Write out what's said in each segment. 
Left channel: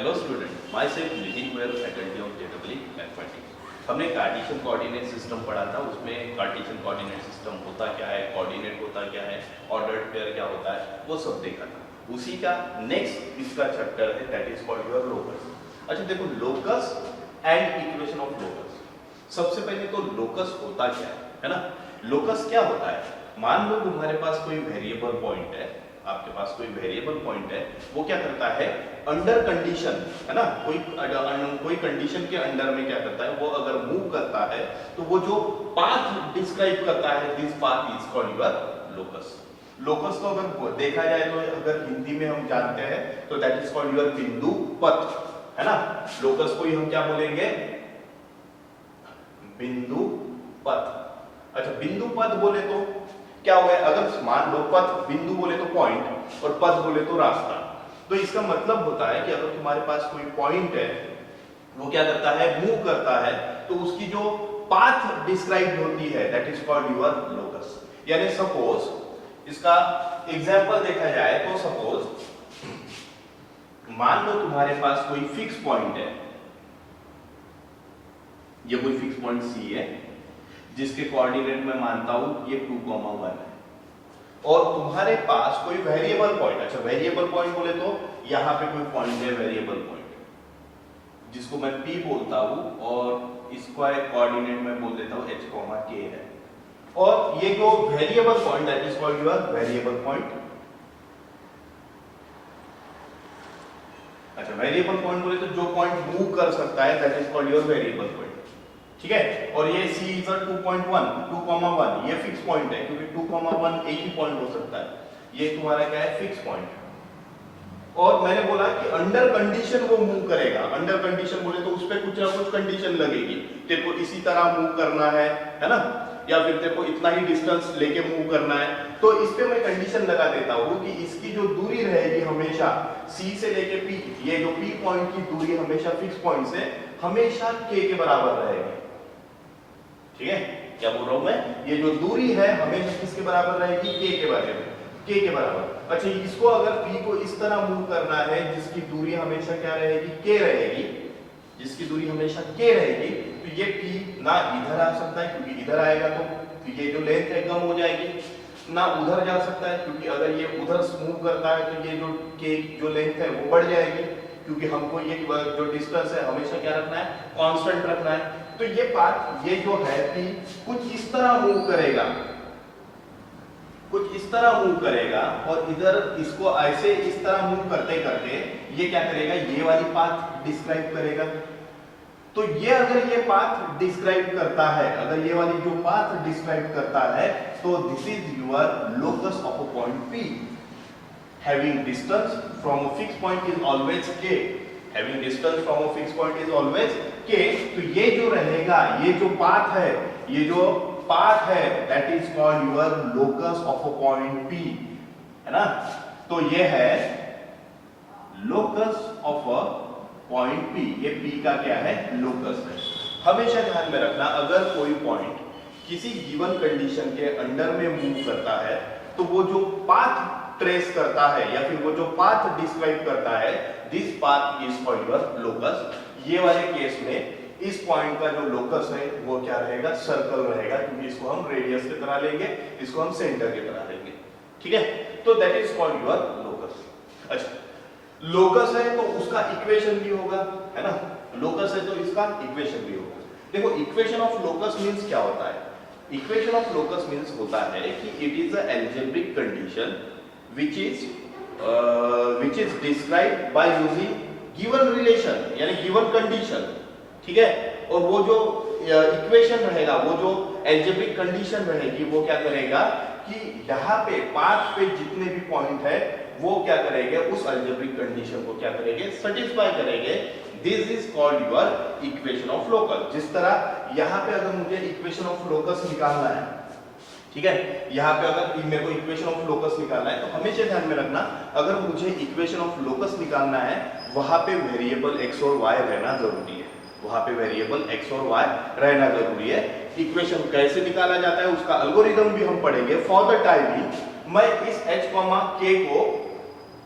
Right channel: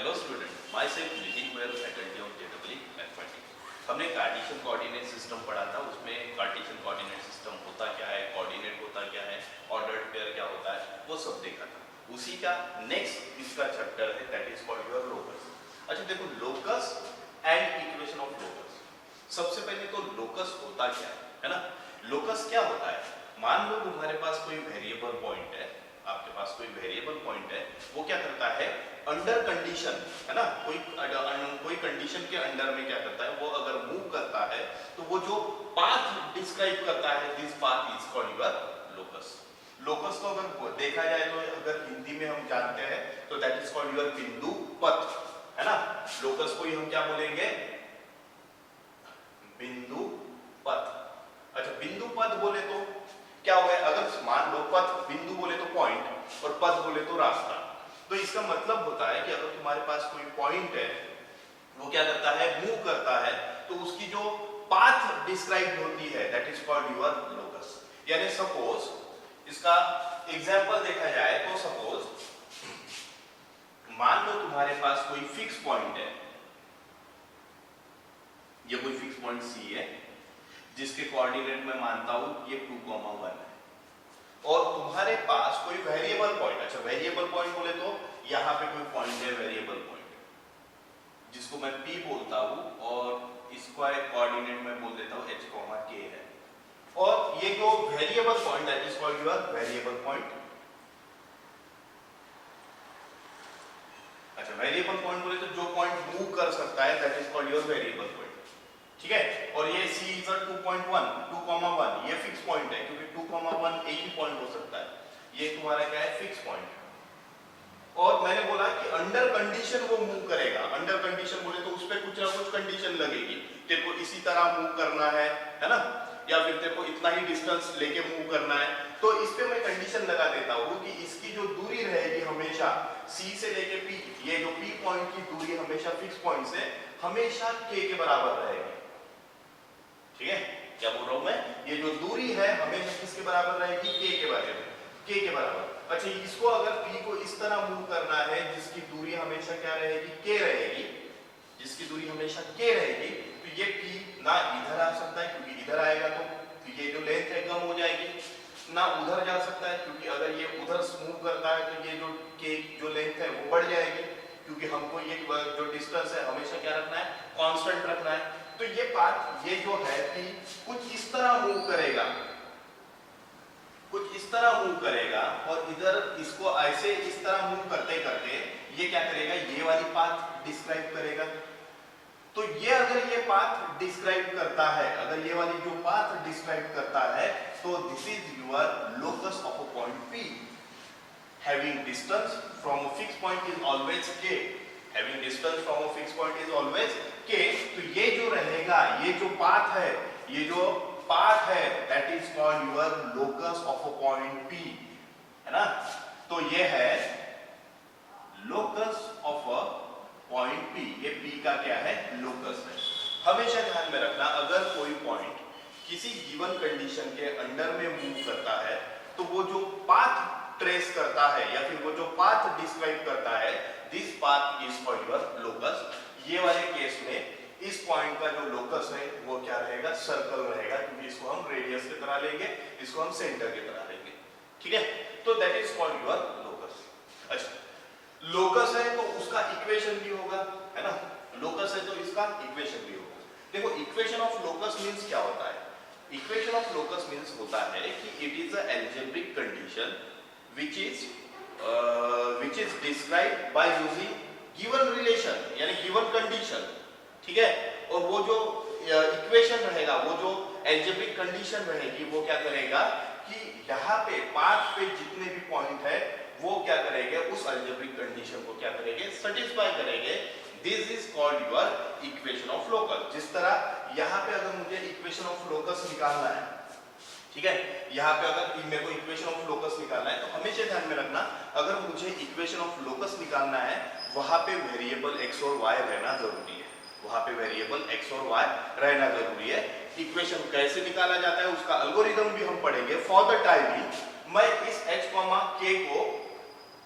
Hello student, my self Nitin Goyal, faculty of JEE mathematics. हमने Cartesian coordinate system पढ़ा था। उसमें कार्टेशियन कोऑर्डिनेट सिस्टम होता क्या है, कोऑर्डिनेट होता क्या है, ऑर्डर्ड पेयर क्या होता है, वो सब देखा था। उसी का नेक्स्ट इसका चैप्टर है, that is called your locus. अच्छा देखो, locus and equation of locus. सबसे पहले तो लोकस होता क्या है ना। लोकस क्या होता है, मान लो तुम्हारे पास कोई वेरिएबल पॉइंट है, आपके पास कोई वेरिएबल पॉइंट है, वो क्या करता है अंडर कंडीशन, है ना, कोई कंडीशन के अंडर में क्या करता है, वो अगर मूव करता है तो वो जो पाथ डिस्क्राइब करता है, this path is called your locus. Locus को अगर देखा जाए तो अगर हिंदी में हम जानते हैं तो दैट इज कॉल्ड योर बिंदु पथ, है ना। लोकस को ही हम क्या बोलेंगे, बिंदु पथ। अच्छा, बिंदु पथ बोले तो क्या हुआ, अगर मान लो पथ, बिंदु बोले तो पॉइंट और पथ बोले तो रास्ता, तो इसका मतलब होता है कि अगर तुम्हारे पास कोई पॉइंट है, वो क्या करता है, मूव करता है, तो उसकी जो पाथ डिस्क्राइब होती है that is called your locus. यानी सपोज इसका एग्जांपल देखा जाए तो सपोज मान लो तुम्हारे पास कोई फिक्स पॉइंट है, ये कोई फिक्स पॉइंट सी है जिसके कोऑर्डिनेट मैं मानता हूं ये 2,1 है, और तुम्हारे पास कोई वेरिएबल पॉइंट, अच्छा वेरिएबल पॉइंट बोले तो यहां पे कोई पॉइंट है वेरिएबल पॉइंट जिसको मैं P बोलता हूं, और इसको एक कोऑर्डिनेट में बोल देता हूं h, k है, और ये जो variable point that is called your variable point. अच्छा, वेरिएबल पॉइंट बोले तो जो पॉइंट मूव कर सकता है that is called your variable point, ठीक है। और ये C इज 2.1 ये फिक्स पॉइंट है, क्योंकि 2,1 एक ही पॉइंट हो सकता है, ये तुम्हारा क्या है, फिक्स पॉइंट। और मैंने बोला कि अंडर कंडीशन वो मूव करेगा। अंडर कंडीशन बोले तो उस पे कुछ ना कुछ कंडीशन लगेगी, तेरे को इसी तरह मूव करना है ना, या फिर तेरे को इतना ही डिस्टेंस लेके मूव करना है, तो इस पे मैं कंडीशन लगा देता हूं कि इसकी जो दूरी रहेगी हमेशा C से लेके P, ये जो P पॉइंट की दूरी हमेशा फिक्स पॉइंट से हमेशा K के बराबर रहेगी, ठीक है। क्या बोल रहा हूं मैं, ये जो दूरी है हमेशा किसके बराबर रहेगी, K के बराबर, K के बराबर। अच्छा, इसको अगर P को इस तरह मूव करना है जिसकी दूरी हमेशा क्या रहेगी, K रहेगी, जिसकी दूरी हमेशा K रहेगी, तो ये P ना इधर आ सकता है, क्योंकि इधर आएगा तो ये जो लेंथ है कम हो जाएगी, ना उधर जा सकता है, क्योंकि अगर ये उधर मूव करता है तो ये जो K जो लेंथ है वो बढ़ जाएगी, क्योंकि हमको ये जो डिस्टेंस है हमेशा क्या रखना है, कांस्टेंट रखना है। तो ये पार्ट, ये जो है P कुछ इस तरह मूव करेगा, कुछ इस तरह मूव करेगा, और इधर इसको ऐसे इस तरह मूव करते करते ये क्या करेगा, ये वाली पाथ डिस्क्राइब करेगा। तो ये अगर ये पाथ डिस्क्राइब करता है, अगर ये वाली जो पाथ डिस्क्राइब करता है, तो this is your locus of a point P। Having distance from a fix point is always K, having distance from a fix point is always K। तो ये जो रहेगा, ये जो पाथ है, ये जो पाथ है that is called your locus of a point P, है ना। तो ये है locus of a point P, ये P का क्या है, लोकस है। हमेशा ध्यान में रखना, अगर कोई पॉइंट किसी गिवन कंडीशन के अंडर में मूव करता है तो वो जो पाथ ट्रेस करता है या फिर वो जो पाथ डिस्क्राइब करता है, this path is called your locus. ये वाले केस में इस पॉइंट का जो लोकस है वो क्या रहेगा, सर्कल रहेगा, क्योंकि इसको हम रेडियस की तरह लेंगे, इसको हम सेंटर की तरह लेंगे, ठीक है। तो that is called your locus. अच्छा, लोकस है तो उसका इक्वेशन भी होगा, है ना, लोकस है तो इसका इक्वेशन भी होगा। देखो, इक्वेशन ऑफ लोकस मींस क्या होता है, इक्वेशन ऑफ लोकस मींस होता है कि it is a algebraic condition which is described by using given relation, यानी given condition, ठीक है। और वो जो इक्वेशन रहेगा, वो जो अलजेब्रिक कंडीशन रहेगी, वो क्या करेगा कि यहाँ पे पाथ पे जितने भी पॉइंट है वो क्या करेंगे, उस अलजेब्रिक कंडीशन को क्या करेंगे, सेटिस्फाई करेंगे। This is called your equation of locus. जिस तरह यहाँ पे अगर मुझे इक्वेशन ऑफ लोकस निकालना है, ठीक है, यहाँ पे अगर मेरे को इक्वेशन ऑफ लोकस निकालना है तो हमेशा ध्यान में रखना, अगर मुझे इक्वेशन ऑफ लोकस निकालना है वहां पे वेरिएबल x और y रहना जरूरी है, वहां पे वेरिएबल x और y रहना जरूरी है। इक्वेशन कैसे निकाला जाता है उसका एल्गोरिथम भी हम पढ़ेंगे। फॉर द टाइम मैं इस h, k को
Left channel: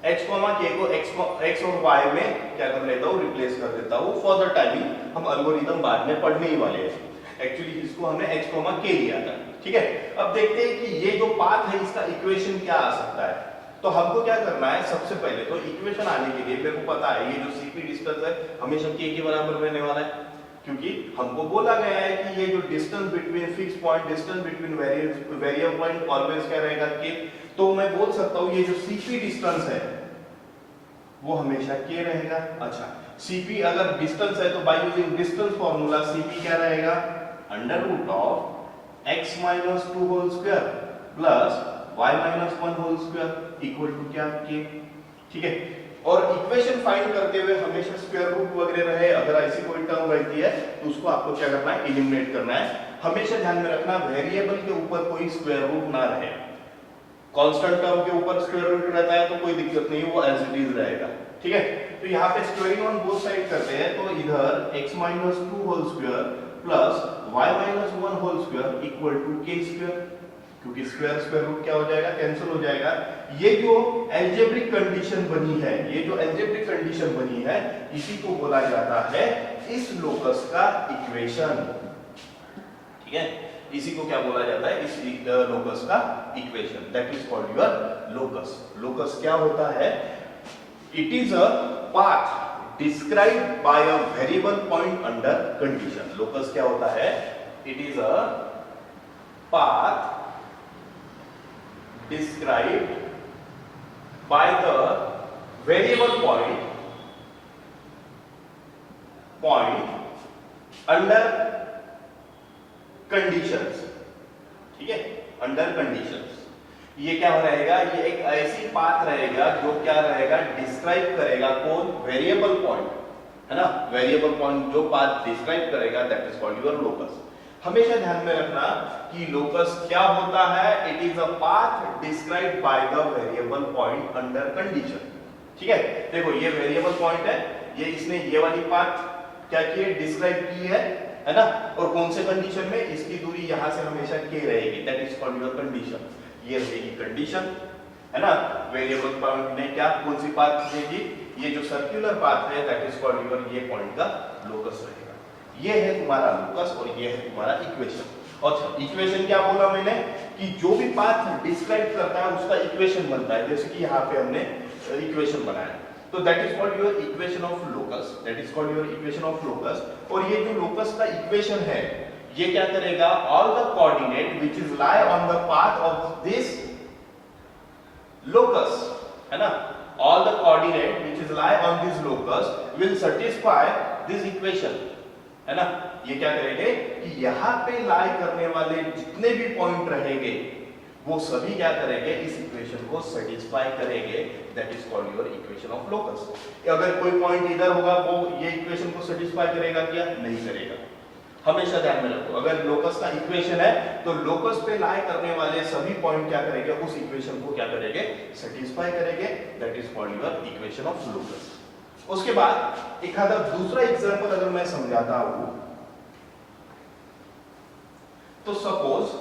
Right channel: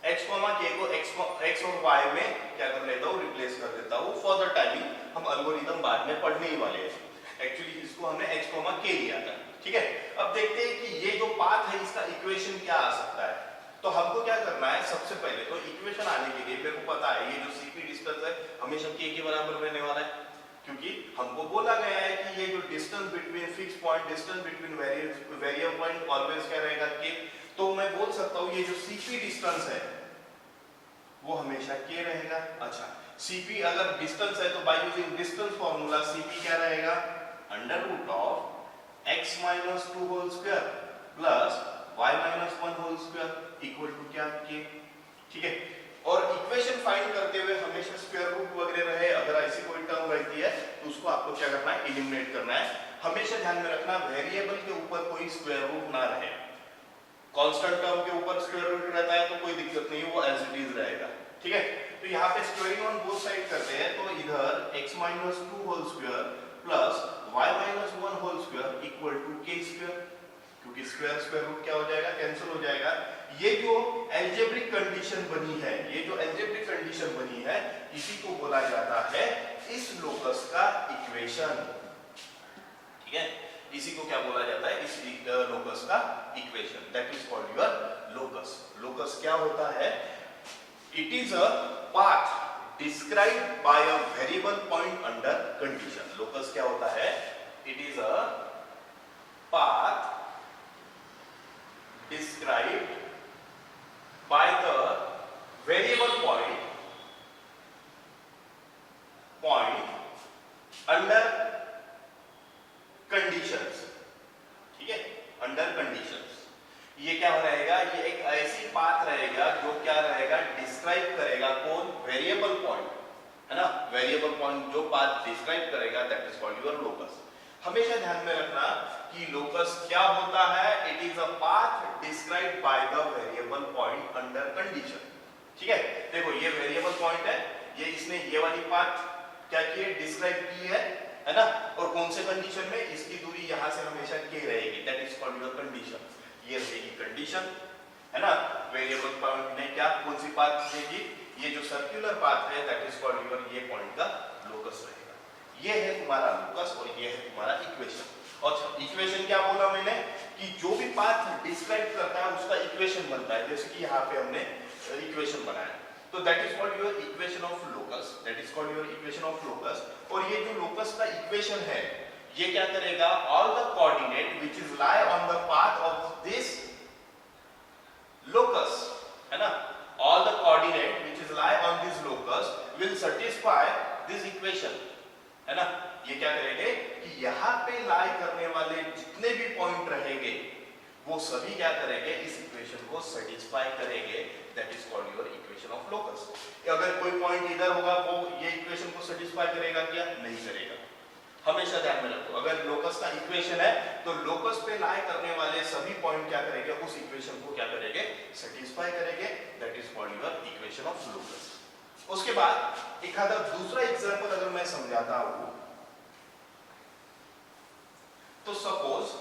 h k को x और y में क्या कर लेता हूँ, रिप्लेस कर देता हूँ फॉर द टाइमिंग, हम एल्गोरिथम बाद में पढ़ने ही वाले हैं। एक्चुअली इसको हमने h k लिया था, ठीक है। अब देखते हैं कि ये जो पाथ है इसका इक्वेशन क्या आ सकता है। तो हमको क्या करना है, सबसे पहले तो इक्वेशन आने के लिए मेरे को पता है ये जो cp डिस्टेंस है हमेशा k के बराबर रहने वाला है, क्योंकि हमको बोला गया है कि ये जो distance between fix point, distance between variable point always क्या रहेगा k। तो मैं बोल सकता हूँ ये जो cp डिस्टेंस है वो हमेशा k रहेगा। अच्छा, cp अगर डिस्टेंस है तो by using distance formula cp क्या रहेगा, under root of x minus 2 whole square plus y minus 1 whole square equal to क्या, k, ठीक है। और इक्वेशन फाइंड करते हुए हमेशा स्क्वायर रूट वगैरह रहे, अगर ऐसी कोई टर्म रहती है तो उसको आपको क्या करना है, एलिमिनेट करना है। हमेशा ध्यान में रखना वेरिएबल के ऊपर कोई स्क्वायर रूट ना रहे। कांस्टेंट टर्म के ऊपर स्क्वायर रूट रहता है तो कोई दिक्कत नहीं, वो एज इट इज रहेगा, ठीक है। तो यहाँ पे स्क्वायरिंग ऑन बोथ साइड करते हैं, तो इधर x minus 2 whole square plus y minus 1 whole square equal to k square, क्योंकि स्क्वायर स्क्वायर रूट क्या हो जाएगा, कैंसिल हो जाएगा। ये जो अलजेब्रिक कंडीशन बनी है, ये जो अलजेब्रिक कंडीशन बनी है इसी को बोला जाता है इस लोकस का इक्वेशन, ठीक है। इसी को क्या बोला जाता है, इस लोकस का equation, that is called your locus. Locus क्या होता है, it is a path described bye a variable point under condition. Locus क्या होता है, it is a path described by the variable point under conditions, ठीक है, under conditions। ये क्या रहेगा, ये एक ऐसी पाथ रहेगा जो क्या रहेगा, डिस्क्राइब करेगा कौन, वेरिएबल पॉइंट, है ना। वेरिएबल पॉइंट जो पाथ डिस्क्राइब करेगा that is called your locus. हमेशा ध्यान में रखना कि लोकस क्या होता है, it is a path described by the variable point under condition, ठीक है। देखो ये वेरिएबल पॉइंट है, ये इसने ये वाली पाथ क्या की है, डिस्क्राइब की है ना। और कौन से कंडीशन में, इसकी दूरी यहां से हमेशा k रहेगी, that is called your condition. ये रहेगी कंडीशन, है ना। वेरिएबल पॉइंट ने क्या, कौन सी पाथ देगी, ये जो सर्कुलर पाथ है दैट इज कॉल्ड योर, ये पॉइंट का लोकस रहेगा। ये है तुम्हारा लोकस और ये है तुम्हारा इक्वेशन। अच्छा, इक्वेशन क्या बोला मैंने कि जो भी पाथ डिस्क्राइब करता है उसका इक्वेशन बनता है, जैसे कि यहाँ पे हमने इक्वेशन बनाया, तो that is called your equation of locus, that is called your equation of locus. और ये जो लोकस का इक्वेशन है ये क्या करेगा, all the coordinate which is lie on the path of this locus, है ना, all the coordinate which is lie on this locus will satisfy this equation, है ना। ये क्या करेंगे कि यहाँ पे लाई करने वाले जितने भी पॉइंट रहेंगे वो सभी क्या करेंगे, इस इक्वेशन को सेटिस्फाई करेंगे, that is called your equation of locus. अगर कोई पॉइंट इधर होगा वो ये इक्वेशन को सेटिस्फाई करेगा क्या, नहीं करेगा। हमेशा ध्यान में रखो, अगर लोकस का इक्वेशन है तो लोकस पे लाई करने वाले सभी पॉइंट क्या करेंगे, उस इक्वेशन को क्या करेंगे, सेटिस्फाई करेंगे, that is called your equation of locus. उसके बाद एक आधा दूसरा एग्जांपल अगर मैं समझाता हूं, तो सपोज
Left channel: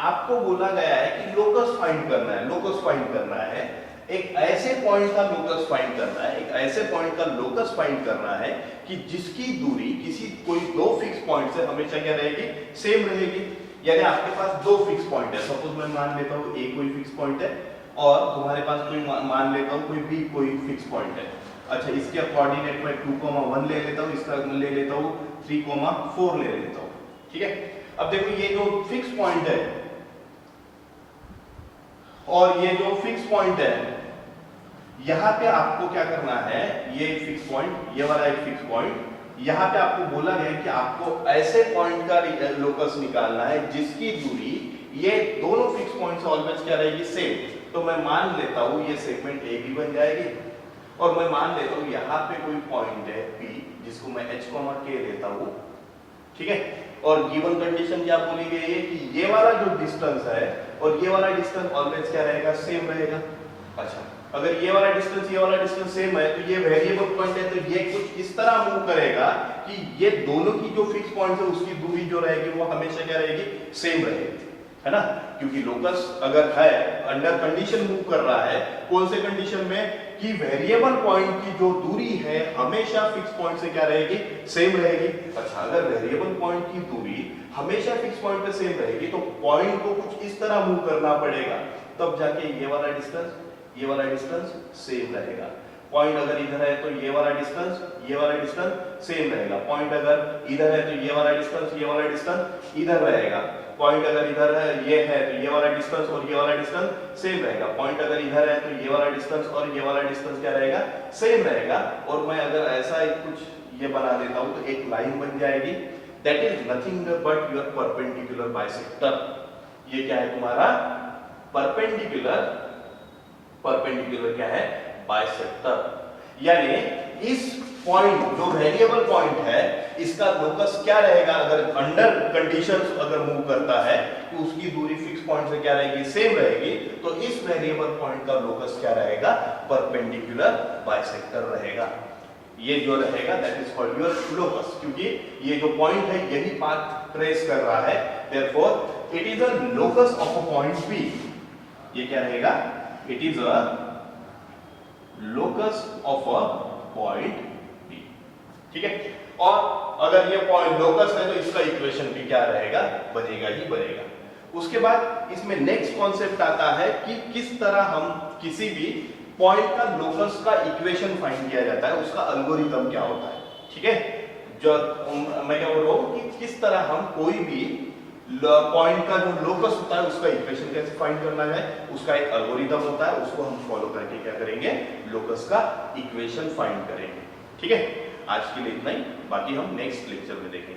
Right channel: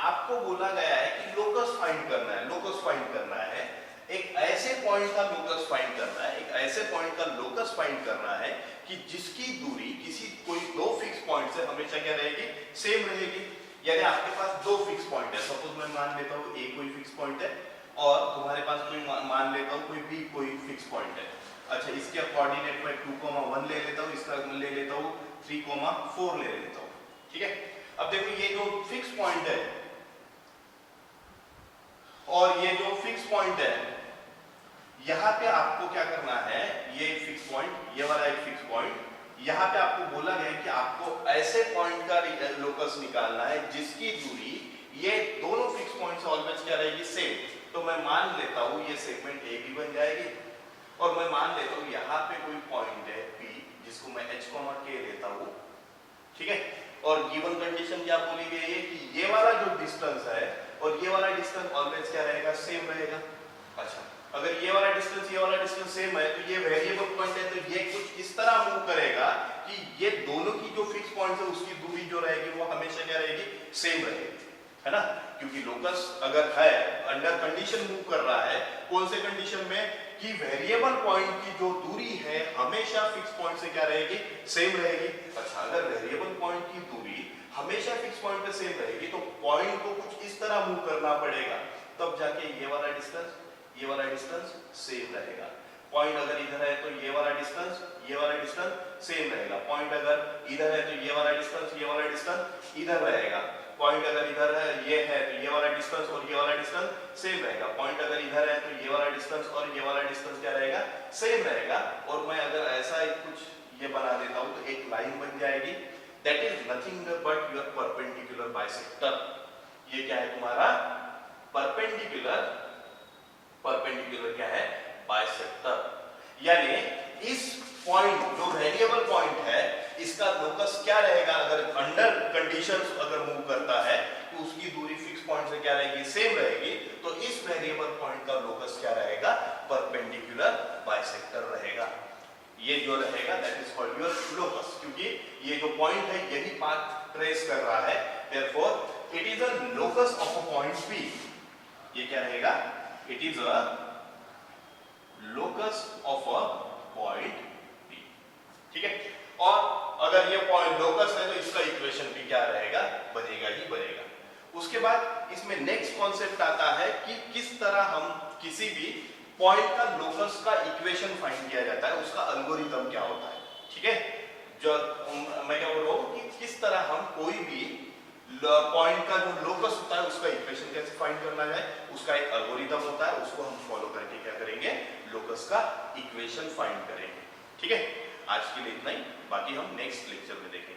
आपको बोला गया है कि लोकस फाइंड करना है, लोकस फाइंड करना है, एक ऐसे पॉइंट का लोकस फाइंड करना है, एक ऐसे पॉइंट का लोकस फाइंड करना है कि जिसकी दूरी किसी कोई दो फिक्स पॉइंट से हमेशा क्या रहेगी, सेम रहेगी। यानी आपके पास दो फिक्स पॉइंट है, सपोज मैं मान लेता हूं ए कोई फिक्स पॉइंट है और तुम्हारे पास कोई मान लेता हूं कोई बी कोई फिक्स पॉइंट है। अच्छा, इसके कोऑर्डिनेट में 2,1 ले लेता हूं, इसका ले लेता हूं 3,4 ले लेता हूं, ठीक है। अब देखो ये जो फिक्स पॉइंट है और ये जो फिक्स पॉइंट है, यहां पे आपको क्या करना है, ये फिक्स पॉइंट, ये वाला एक फिक्स पॉइंट, यहां पे आपको बोला गया है कि आपको ऐसे पॉइंट का लोकस निकालना है जिसकी दूरी ये दोनों फिक्स पॉइंट से ऑलवेज क्या रहेगी, सेम। तो मैं मान लेता हूं ये सेगमेंट ए भी बन जाएगी और मैं मान लेता हूं यहां पे कोई पॉइंट है P जिसको मैं h k लेता हूं, ठीक है। और गिवन कंडीशन क्या बोली गई है कि ये वाला जो डिस्टेंस है और ये वाला डिस्टेंस ऑलवेज क्या रहेगा, सेम रहेगा। अच्छा, अगर ये वाला डिस्टेंस सेम है तो ये वेरिएबल पॉइंट है, तो ये कुछ इस तरह मूव करेगा कि ये दोनों की जो फिक्स पॉइंट है उसकी दूरी जो रहेगी वो हमेशा क्या रहेगी, सेम रहेगी, है ना। क्योंकि लोकस अगर है अंडर कंडीशन मूव कर रहा है, कौन से कंडीशन में, कि वेरिएबल पॉइंट की जो दूरी है हमेशा फिक्स पॉइंट से क्या रहेगी, सेम रहेगी। अच्छा, अगर वेरिएबल पॉइंट की दूरी हमेशा फिक्स पॉइंट पे सेम रहेगी तो पॉइंट को कुछ इस तरह मूव करना पड़ेगा, तब जाके ये वाला डिस्टेंस सेम रहेगा। पॉइंट अगर इधर है तो ये वाला डिस्टेंस सेम रहेगा। पॉइंट अगर इधर है तो ये वाला डिस्टेंस इधर रहेगा। पॉइंट अगर इधर है, ये है, तो ये वाला डिस्टेंस और ये वाला डिस्टेंस सेम रहेगा। पॉइंट अगर इधर है तो ये वाला डिस्टेंस और ये वाला डिस्टेंस क्या रहेगा, सेम रहेगा। और मैं अगर ऐसा एक कुछ ये बना देता हूं तो एक लाइन बन जाएगी, that is nothing but your perpendicular bisector. ये क्या है तुम्हारा परपेंडिकुलर क्या है, बाइसेक्टर। यानी इस पॉइंट जो वेरिएबल पॉइंट है इसका लोकस क्या रहेगा, अगर अंडर कंडीशंस अगर मूव करता है तो उसकी दूरी फिक्स पॉइंट से क्या रहेगी, सेम रहेगी। तो इस वेरिएबल पॉइंट का लोकस क्या रहेगा, परपेंडिकुलर बाइसेक्टर रहेगा। ये जो रहेगा that is called your locus, क्योंकि ये जो पॉइंट है यही पाथ ट्रेस कर रहा है, therefore it is a locus of a point P। ये क्या रहेगा, it is a locus of a point P। ठीक है, और अगर ये पॉइंट लोकस है तो इसका इक्वेशन भी क्या रहेगा, बनेगा ही बनेगा। उसके बाद इसमें नेक्स्ट कॉन्सेप्ट आता है कि किस तरह हम किसी भी पॉइंट का लोकस का इक्वेशन फाइंड किया जाता है, उसका एल्गोरिथम क्या होता है। ठीक है, जो मैं क्या बोल रहा हूं कि किस तरह हम कोई भी पॉइंट का जो लोकस होता है उसका इक्वेशन कैसे फाइंड करना है, उसका एक एल्गोरिथम होता है, उसको हम फॉलो करके क्या करेंगे, लोकस का इक्वेशन फाइंड करेंगे। ठीक है, आज के लिए इतना ही, बाकी हम नेक्स्ट लेक्चर में देखेंगे।